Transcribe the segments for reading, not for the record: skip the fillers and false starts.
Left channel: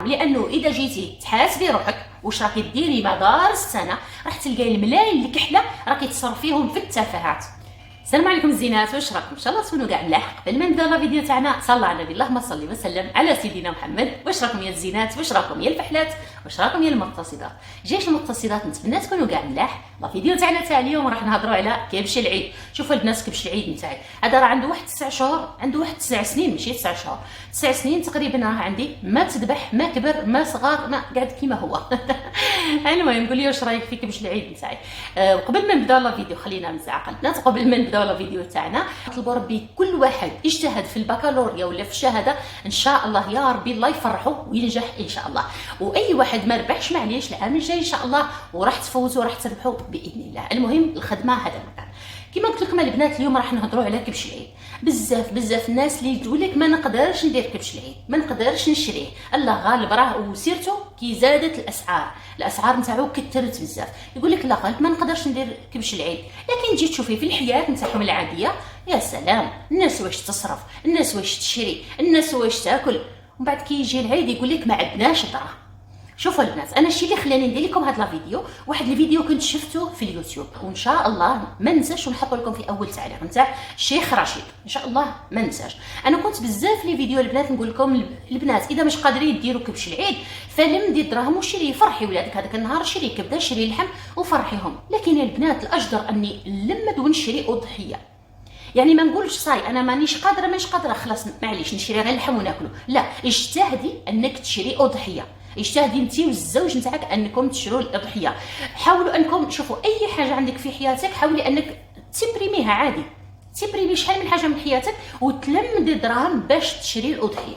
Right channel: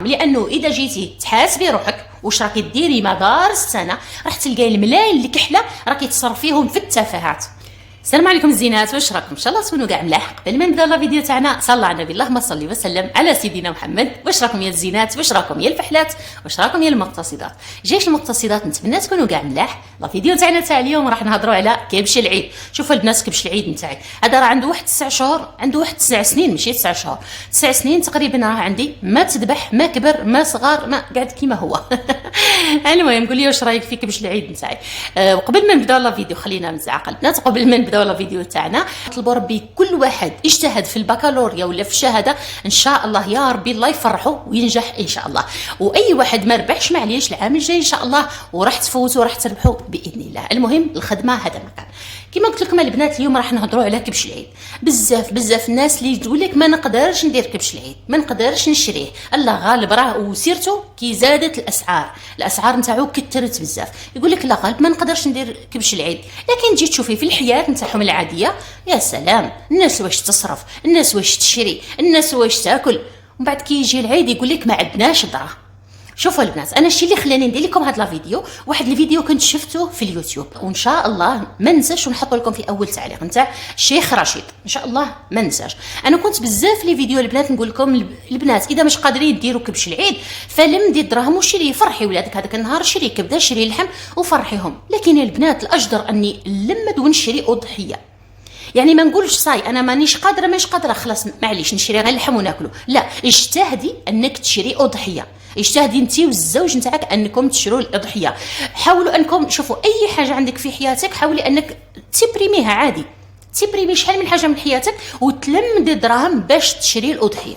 لانه اذا جيتي تحاسبي روحك واش راكي ديري مدار السنه راح تلقاي الملايين الكحله راكي تصرفيهم في التفاهات. السلام عليكم الزينات، واش راكم؟ ان شاء الله تكونوا كاع ملاح. قبل ما نبدا الفيديو تاعنا صلى على النبي، اللهم صل وسلم على سيدنا محمد. واش راكم يا الزينات؟ واش راكم يا الفحلات؟ واش راكم يا المقتصدات؟ جيش المقتصدات، نتمنى تكونوا كاع ملاح. الفيديو تاعنا تاع اليوم راح نهضروا على كبش العيد. شوفوا البنات، كبش العيد نتاعي هذا راه عنده واحد 9 شهور، عنده واحد 9 سنين، ماشي 9 شهور، 9 سنين تقريبا. راه عندي ما تذبح ما كبر ما صغار ما قاعد كيما هو. المهم قول لي واش رايك في كبش العيد نتاعي. وقبل ما نبداو الفيديو خلينا نتعاقل البنات. قبل ما نبداو الفيديو تاعنا نطلبوا ربي كل واحد اجتهد في البكالوريا ولا في الشهاده ان شاء الله يا ربي الله يفرحه وينجح ان شاء الله. واي واحد ما ربحش معليش العام الجاي ان شاء الله وراح تفوتوا وراح تربحوا باذن الله. المهم الخدمه هذا مكان. كما قلت لكم البنات اليوم راح نهضروا على كبش العيد. بزاف الناس اللي تقول لك ما نقدرش ندير كبش العيد، ما نقدرش نشريه، الله غالب راه وسيرته كي زادت الاسعار نتاعو كثرت بزاف. يقول لك لا غالب ما نقدرش ندير كبش العيد. لكن تجي تشوفي في الحياه نتاعهم العاديه، يا سلام، الناس واش تصرف، الناس واش تشري، الناس واش تاكل، ومن بعد كي يجي العيد يقول لك ما عندناش دراهم. شوفوا البنات، انا الشيء اللي خلاني ندير لكم هذا الفيديو، واحد الفيديو كنت شفته في اليوتيوب، وان شاء الله ما ننساش ونحط لكم في اول تعليق نتاع الشيخ رشيد، ان شاء الله ما ننساش. انا كنت بزاف لي فيديو البنات نقول لكم البنات اذا مش قادرين ديروا كبش العيد فلم دي الدراهم وشري، فرحي ولادك هذاك النهار، شري كبده شري لحم وفرحيهم. لكن البنات الاجدر اني نلمد ونشري اضحيه. يعني ما نقولش صاي انا مانيش قادره خلاص معليش نشري غير اللحم وناكله، لا، اجتهدي انك تشري اضحيه، اجتهدي انت والزوج نتاعك انكم تشروا الاضحيه. حاولوا انكم شوفوا اي حاجه عندك في حياتك حاولي انك تبريميها عادي، تبريمي شحال من حاجه من حياتك وتلمدي الدراهم باش تشري الاضحيه.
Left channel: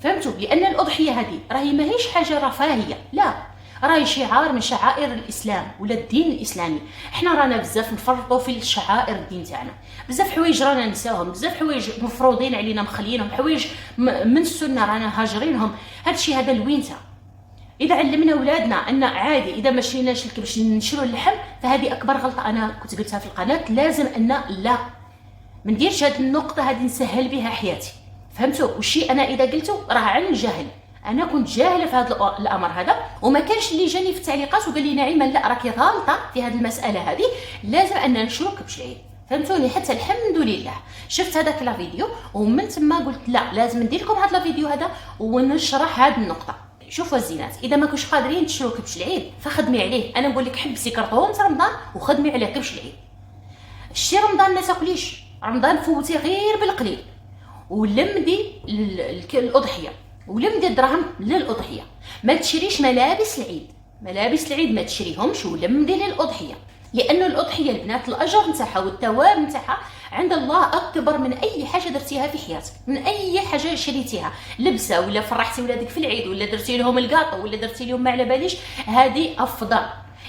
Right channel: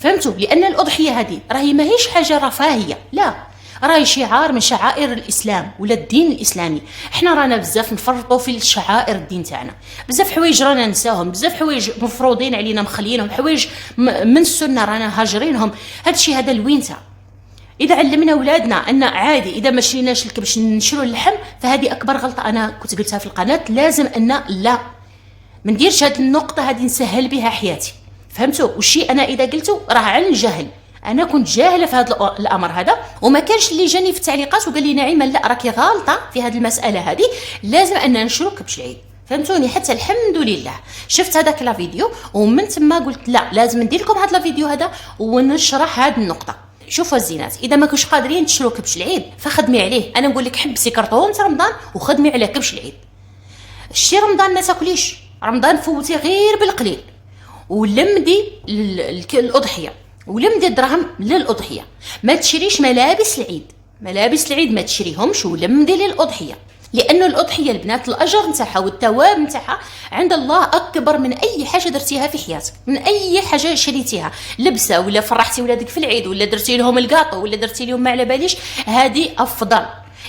فهمتوا؟ لان الاضحيه هذه راهي ماهيش حاجه رفاهيه، لا، راهي شعار من شعائر الاسلام ولا الدين الاسلامي. احنا رانا بزاف نفرطوا في الشعائر الدين تاعنا، بزاف حوايج رانا نساوهم، بزاف حوايج مفروضين علينا مخلينهم، حوايج من السنه رانا هاجرينهم. هادشي هذا الوينتا. اذا علمنا اولادنا ان عادي اذا ما شريناش الكبش نشرو اللحم فهذه اكبر غلطه انا كنت قلتها في القناه. لازم ان لا ما نديرش هذه النقطه هذه نسهل بها حياتي. فهمتوا؟ والشيء انا اذا قلته راه عن الجهل، انا كنت جاهله في هذا الامر هذا، وما كانش اللي جاني في التعليقات وقال لي نعيمه لا راكي غالطه في هذه المساله هذه، لازم ان نشرو كبش العيد. فهمتوني؟ حتى الحمد لله شفت هذاك الفيديو ومن ثم قلت لا لازم ندير لكم هذا الفيديو هذا ونشرح هذه النقطه. شوفوا الزينات، اذا ما كنتش قادرين تشرو كبش العيد فخدمي عليه. انا نقول لك حبسي كرطون رمضان وخدمي على كبش العيد. شتي رمضان ما تاكليش، رمضان فوتي غير بالقليل، ولمدي الاضحيه ولمدي الدراهم للاضحيه. ما تشريش ملابس العيد ما تشريهمش ولمدي للاضحيه، لانه الاضحيه البنات الاجر نتاعها والثواب نتاعها عند الله اكبر من اي حاجه درتيها في حياتك، من اي حاجه شريتيها، لبسه ولا فرحتي ولادك في العيد ولا درتي لهم الكاطو ولا درتي لهم ما على باليش، هذه افضل،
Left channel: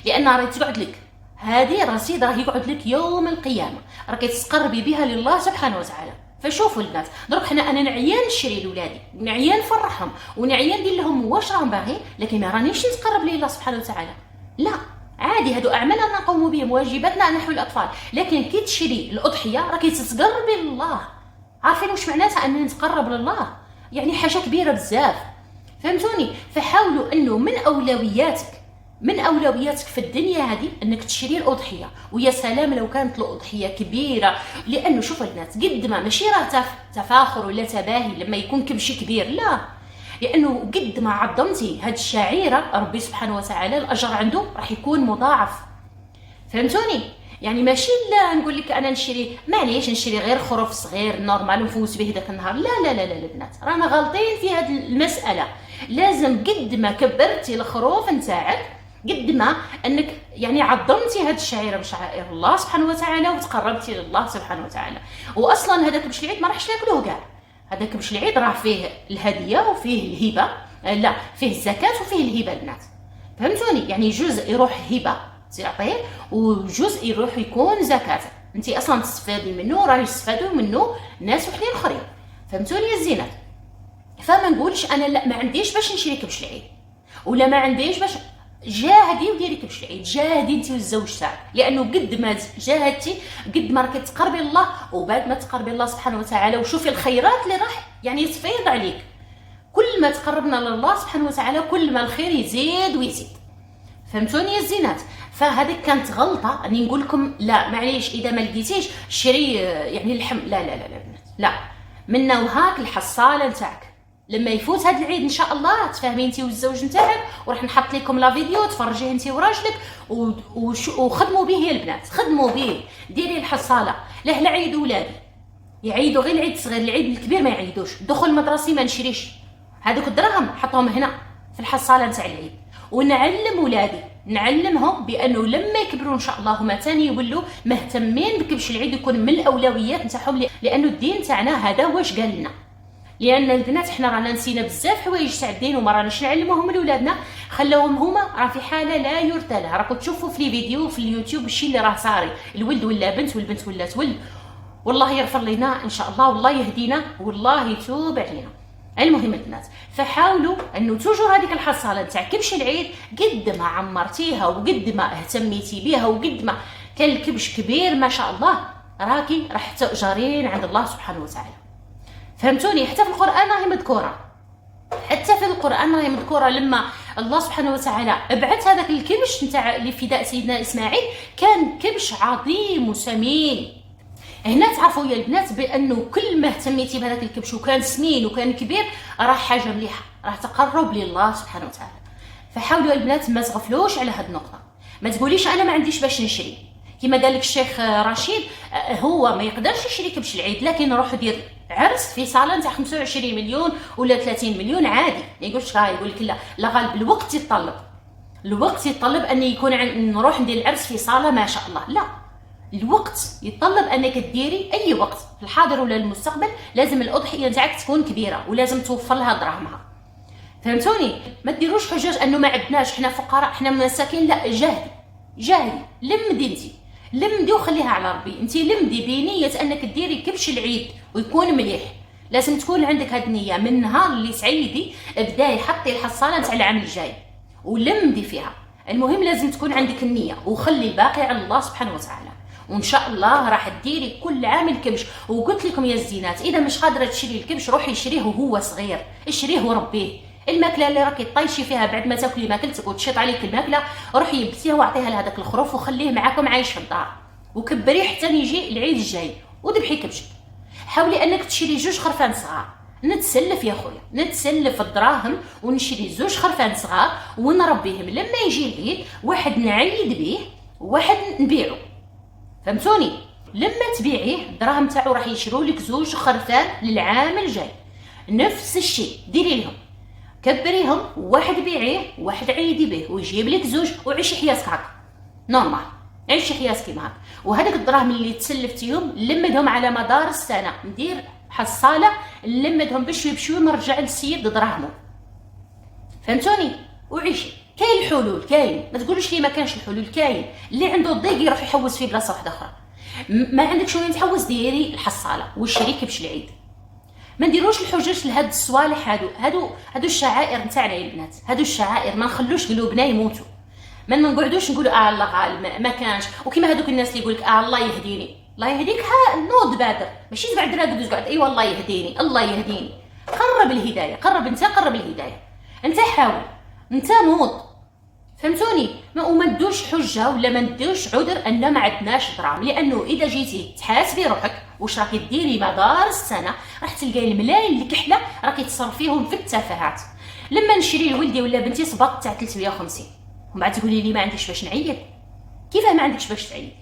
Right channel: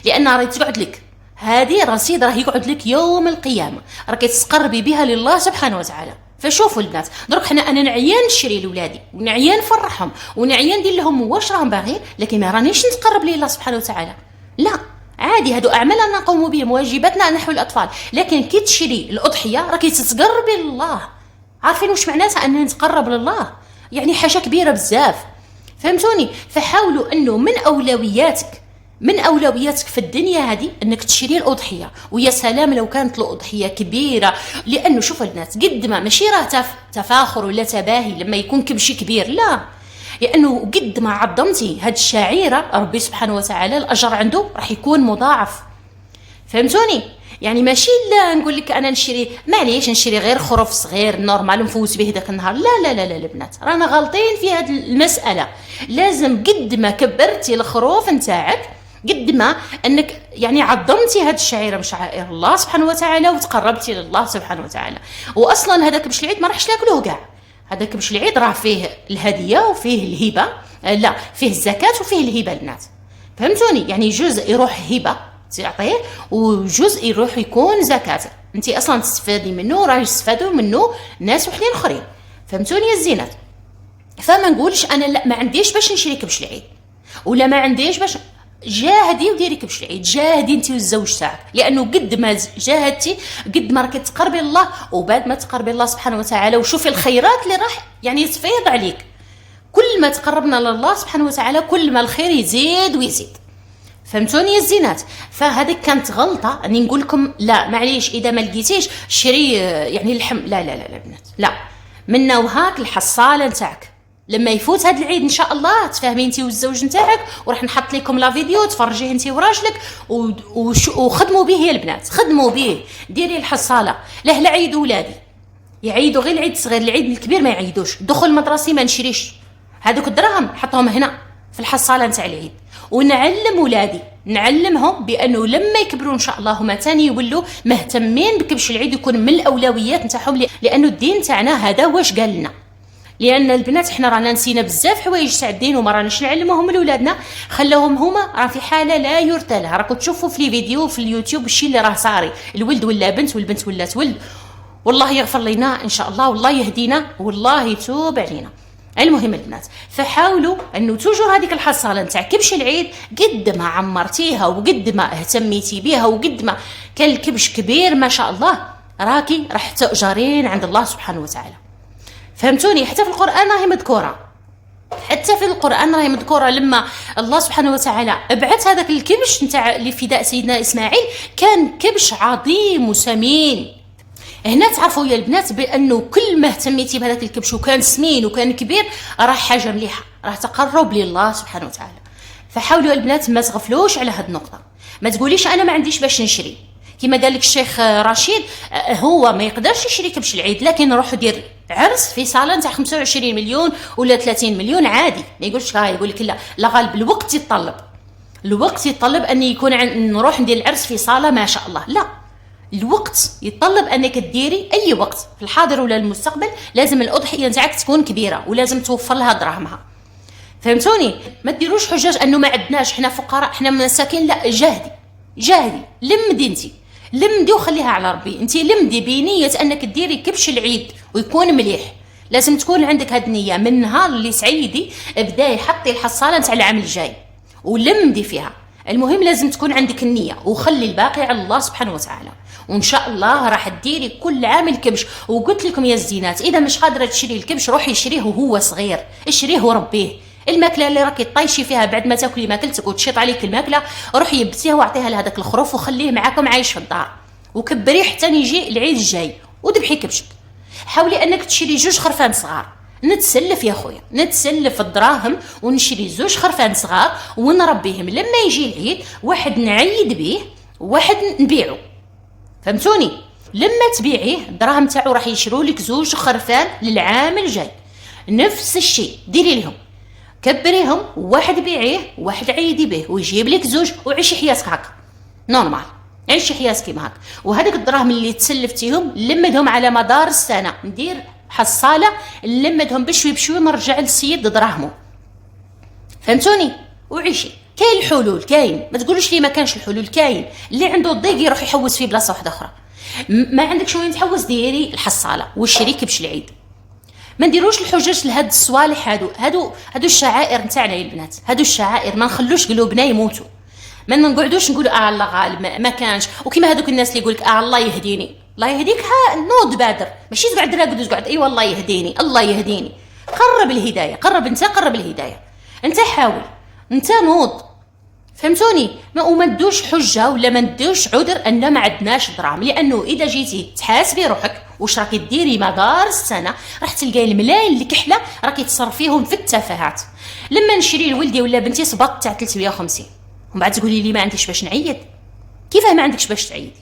لان راهي تقعد لك، هذه رصيد راه يقعد لك يوم القيامه، راكي تقربي بها لله سبحانه وتعالى. فشوفوا البنات، دروك انا نعيان نشري لولادي ونعيان نفرحهم ونعيان ندير لهم واش راهم باغي، لكن ما رانيش نتقرب لله سبحانه وتعالى، لا، عادي هادو اعمال نقوم بهم، واجباتنا نحو الاطفال. لكن كي تشري الاضحيه راكي تتقربي لله. عارفين واش معناتها ان نتقرب لله؟ يعني حاجه كبيره بزاف. فهمتوني؟ فحاولوا انه من اولوياتك في الدنيا هذه انك تشري الاضحيه. ويا سلام لو كانت الاضحيه كبيره، لانه شوفوا البنات قد ما ماشي راه تفاخر ولا تباهي لما يكون كبشي كبير، لا، لانه قد ما عظمتي هاد الشعيره ربي سبحانه وتعالى الاجر عنده راح يكون مضاعف. فهمتوني؟ يعني ماشي لا نقول لك انا نشري معليش نشري غير خروف صغير نورمال نفوت به داك النهار، لا البنات رانا غالطين في هاد المساله. لازم قد ما كبرتي الخروف نتاعك قد ما انك يعني عظمتي هاد الشعيره من شعائر الله سبحانه وتعالى وتقربتي لله سبحانه وتعالى. واصلا هذاك كبش العيد ما راحش ناكلوه كاع، هذا كبش العيد راه فيه الهديه وفيه الهبه، لا فيه الزكاه وفيه الهبه البنات. فهمتوني؟ يعني جزء يروح هبه تعطيه وجزء يروح يكون زكاه، انت اصلا تستفادي منه راه يستفادوا منه ناس وحدين اخرين. فهمتوني يا الزينات؟ فما نقولش انا لا ما عنديش باش نشري كبش العيد ولا ما عنديش باش، جاهدي وديري كبش العيد، جاهدي انت والزوج تاعك، لانه قد ما جاهدتي قد ما راكي تقربي الله، وبعد ما تقربي الله سبحانه وتعالى وشوفي الخيرات اللي راح يعني تفيض عليك. كل كل ما تقربنا لله سبحانه وتعالى كل ما الخير يزيد ويزيد. فهمتوني يا الزينات؟ فهذيك كانت غلطه اني نقول لكم لا معليش اذا ما لقيتيش شري يعني اللحم. لا لا لا لا بنات، لا، منا وهاك الحصاله نتاعك لما يفوت هذا العيد ان شاء الله تفاهمي انت والزوج نتاعك، وراح نحط لكم لا فيديو تفرجيه انت وراجلك وخدموا به يا البنات، خدموا به، ديري الحصاله. لا لا عيد ولادي يعيدوا غير العيد الصغير، العيد الكبير ما يعيدوش. دخل مدرسي ما نشريش، هذوك الدراهم حطهم هنا في الحصاله نتاع العيد. ونعلم ولادي، نعلمهم بانه لما يكبروا ان شاء الله هما تاني يولوا مهتمين بكبش العيد، يكون من الاولويات نتاعهم، لانه الدين تاعنا هذا واش قال لنا. لان البنات احنا رانا نسينا بزاف حوايج تاع الدين وما راناش نعلموهم لولادنا، خلوهم هما راه في حاله لا يرثى لها. راكم تشوفوا في لي فيديو في اليوتيوب الشيء اللي راه صاري، الولد ولا بنت والبنت ولات ولد. والله يغفر لنا ان شاء الله، والله يهدينا، والله يتوب علينا. المهم البنات، فحاولوا انه توجور هذيك الحصاله نتاع كبش العيد قد ما عمرتيها وقد ما اهتميتي بها وقد ما كان الكبش كبير ما شاء الله راكي راح تؤجرين عند الله سبحانه وتعالى. فهمتوني؟ حتى في القران راهي مذكوره، حتى في القران راهي مذكوره لما الله سبحانه وتعالى ابعث هذاك الكبش نتاع لفداء سيدنا اسماعيل، كان كبش عظيم وسمين. هنا تعرفوا يا البنات بانه كل ما اهتميتي بهذاك الكبش وكان سمين وكان كبير راه حاجه مليحه، راه تقرب لله سبحانه وتعالى. فحاولوا البنات ما تغفلوش على هذه النقطه، ما تقوليش انا ما عنديش باش نشري. كما قال لك الشيخ رشيد، هو ما يقدرش يشري كبش العيد، لكن روح دير عرس في صاله نتاع 25 مليون ولا 30 مليون عادي. ما يقولش لا، يقول لك لا غالب الوقت يتطلب، الوقت يتطلب ان يكون نروح ندير العرس في صاله ما شاء الله. لا، الوقت يتطلب انك تديري اي وقت في الحاضر ولا المستقبل، لازم الاضحيه نتاعك تكون كبيره ولازم توفر لها دراهمها. فهمتوني؟ ما ديروش حجاج انه ما عندناش، احنا فقراء، احنا مساكين. لا، جاهدي لمدي، انت لمدي وخليها على ربي. انت لمدي بنيه انك ديري كبش العيد ويكون مليح، لازم تكون عندك هاد النيه. من نهار اللي سعيدي ابداي حطي الحصاله نتاع العام الجاي ولمدي فيها. المهم لازم تكون عندك النيه وخلي الباقي على الله سبحانه وتعالى، وان شاء الله راح تديري كل عام الكبش. وقلت لكم يا الزينات، اذا مش قادره تشري الكبش روحي شريه وهو صغير، اشريه وربيه. الماكله اللي راكي طايشي فيها بعد ما تاكلي ماكلتك وتشيط عليك الماكله، روحي يبسيها واعطيها لهذاك الخروف وخليه معاكم عايش في الدار، وكبريه حتى يجي العيد الجاي وذبحي كبشك. حاولي انك تشري 2 خرفان صغار، نتسلف يا خويا، نتسلف الدراهم ونشري 2 خرفان صغار ونربيهم. لما يجي العيد واحد نعيد به وواحد نبيعه. فهمتوني؟ لما تبيعيه الدراهم تاعو راح يشروا لك 2 خرفان للعام الجاي. نفس الشيء ديري لهم، كبريهم، واحد بيعيه واحد عيدي به ويجيب لك 2 وعيشي حياتك هكا نورمال، عيشي حياتك كيما هكا. وهذاك الدراهم اللي تسلفتيهم لمدهم على مدار السنه، ندير حصاله نلمدهم بشوي بشوي نرجع للسيد دراهمه. فهمتوني؟ وعيشي. كاين الحلول، كاين، ما تقولوش لي ما كانش الحلول، كاين. اللي عنده الضيق يروح يحوس في بلاصه واحده اخرى. ما عندكش وين تحوس، ديري الحصاله والشري كبش العيد. ما نديروش الحجج لهاد الصوالح، هادو الشعائر نتاعنا يا البنات، هادو الشعائر ما نخلوش قلوبنا يموتوا. ما نقعدوش نقولوا الله غالب ما كانش. وكما هذوك الناس اللي يقولك الله يهديني، الله يهديك، نوض بادر، ماشي تقعد راقد وتقعد اي والله يهديني الله يهديني. قرب الهدايه، قرب انت، قرب الهدايه انت، حاول انت، نوض. فهمتوني؟ وما ندوش حجه ولا ما ندوش عذر ان ما عندناش دراهم، لانه اذا جيتي تحاسبي روحك واش راكي ديري مدار السنه راح تلقاي الملايين اللي كحله راكي تصرفيهم في التفاهات. لما نشري لولدي ولا بنتي صباط تاع 350 ومن بعد تقولي لي ما عنديش باش نعيد. كيفاه ما عندكش باش تعيدي؟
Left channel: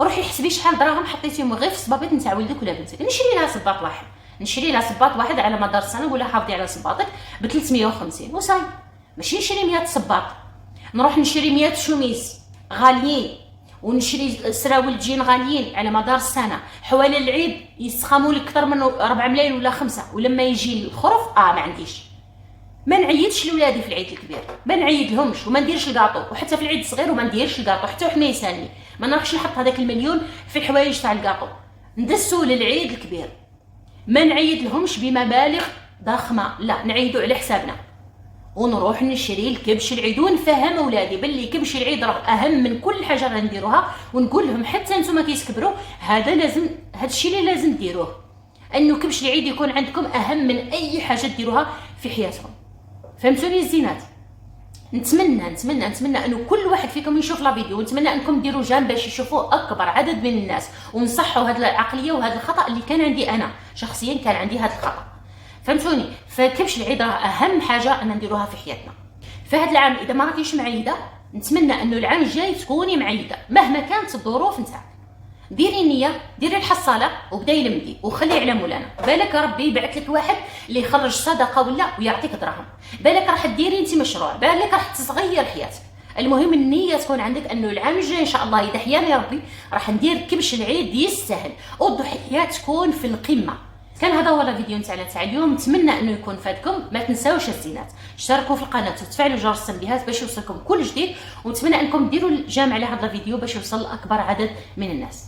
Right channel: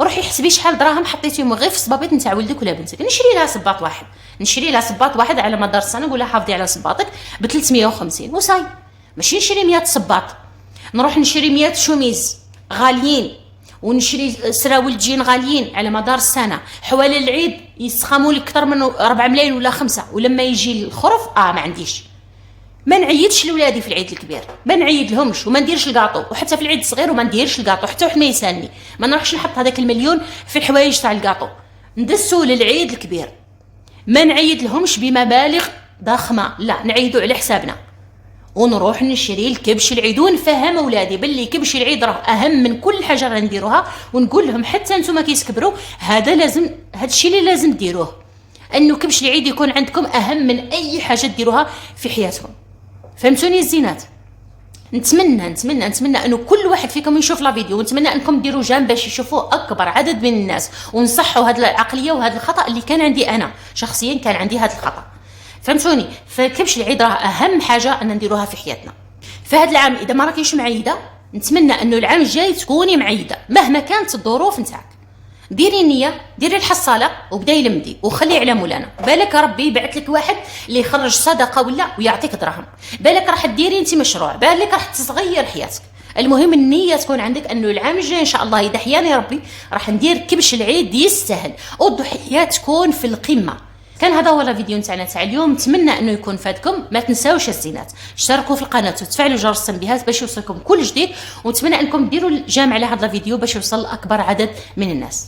روحي حسبي شحال دراهم حطيتيهم غير في الصبابيط نتاع ولدك ولا بنتك. نشري لها صباط واحد، نشري لها صباط واحد على مدار السنه، نقول لها حافظي على صباطك ب 350 وصاي. ماشي نشري 100 صباط، نروح نشري 100 شوميز غاليين ونشري سراول جين غاليين على مدار السنه. حوالي العيد يسخموا لك اكثر من 4 ملايين ولا 5، ولما يجي الخرف ما عنديش. ما نعيدش لولادي في العيد الكبير، ما نعيد لهمش وما نديرش الكاطو، وحتى في العيد الصغير وما نديرش الكاطو. حتى واحد ما يسالني ما نروحش نحط هذاك المليون في الحوايج تاع الكاطو، ندسو للعيد الكبير. ما نعيد لهمش بمبالغ ضخمه، لا، نعيدوا على حسابنا ونروح نشري الكبش العيد ونفهم اولادي باللي كبش العيد راه اهم من كل حاجه غنديروها. ونقول لهم حتى نتوما كي تكبروا هذا لازم، هذا الشيء اللي لازم ديروه. انه كبش العيد يكون عندكم اهم من اي حاجه ديروها في حياتكم. فهمتوني الزينات؟ نتمنى انه كل واحد فيكم يشوف لا فيديو، ونتمنى انكم ديروا جام باش يشوفوه اكبر عدد من الناس، ونصحوا هذه العقليه وهذا الخطا اللي كان عندي انا شخصيا، كان عندي هذا الخطا. فهمتوني؟ فكبش العيد راه اهم حاجه ان نديروها في حياتنا. فهذا العام اذا ما راكيش معيده، نتمنى انه العام الجاي تكوني معيده مهما كانت الظروف نتاعك. ديري نيه، ديري الحصاله وبداي لمدي وخلي على مولانا. بالك ربي يبعث لك واحد اللي يخرج صدقه ولا ويعطيك دراهم، بالك راح ديري انت مشروع، بالك راح تتغير حياتك. المهم النيه تكون عندك انه العام الجاي ان شاء الله اذا حياني ربي راح ندير كبش العيد يستاهل، والضحيات تكون في القمه. كان هذا هو الفيديو نتاعنا تاع اليوم، نتمنى انه يكون فاتكم. ما تنساوش الزينات، اشتركوا في القناه وتفعلوا جرس التنبيهات باش يوصلكم كل جديد، ونتمنى انكم ديروا الجام على هذا الفيديو باش يوصل اكبر عدد من الناس.